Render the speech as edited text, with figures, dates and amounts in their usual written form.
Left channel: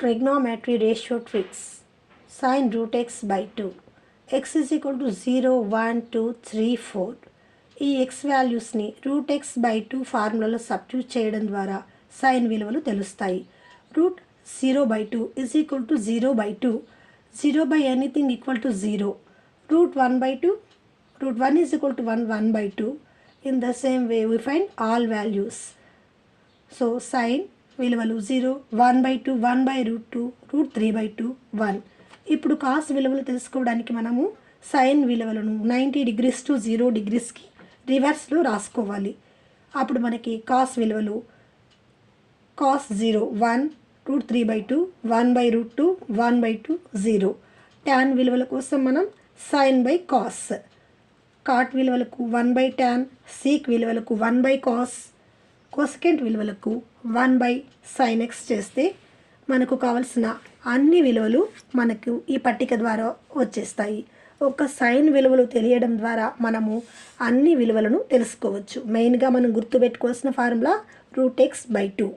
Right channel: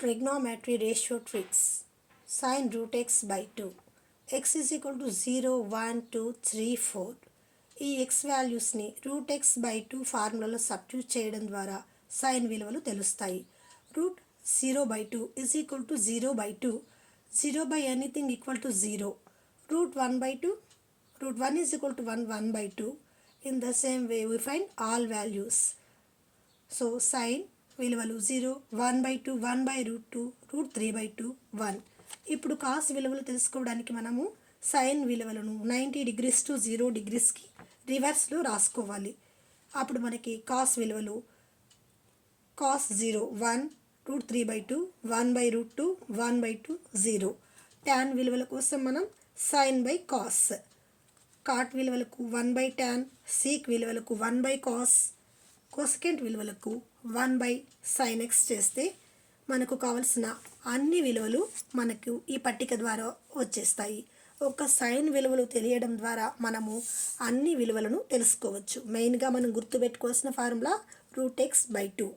Trigonometry ratio tricks. Sin root x by 2. X is equal to 0, 1, 2, 3, 4. ఈ x వాల్యూస్ని root x by 2 ఫార్ములాలో substitute చేయడం ద్వారా sine విలువలు తెలుస్తాయి. Root 0 by 2 is equal to 0 by 2. 0 by anything equal to 0. Root 1 by 2. Root 1 is equal to 1, 1 by 2. In the same way we find all values. So sin విలువలు 0, 1 by 2, 1 by root 2, root 3 by 2, 1. ఇప్పుడు cos విలువలు తెలుసుకోవడానికి మనము sign విలువలను 90 degrees to 0 degreesకి రివర్స్లో రాసుకోవాలి. అప్పుడు మనకి కాస్ విలువలు cos 0, 1, root 3 by 2, 1 by root 2, 1 by 2, 0. Tan విలువల కోసం మనం సైన్ బై కాస్, కాట్ విలువలకు 1 by tan, సీక్ విలువలకు 1 by cos, కోసెకెంట్ విలువలకు 1 by sin x చేస్తే మనకు కావలసిన అన్ని విలువలు మనకు ఈ పట్టిక ద్వారా వచ్చేస్తాయి. ఒక సైన్ విలువలు తెలియడం ద్వారా మనము అన్ని విలువలను తెలుసుకోవచ్చు. మెయిన్గా మనం గుర్తుపెట్టుకోవాల్సిన ఫార్ములా రూట్ x by 2.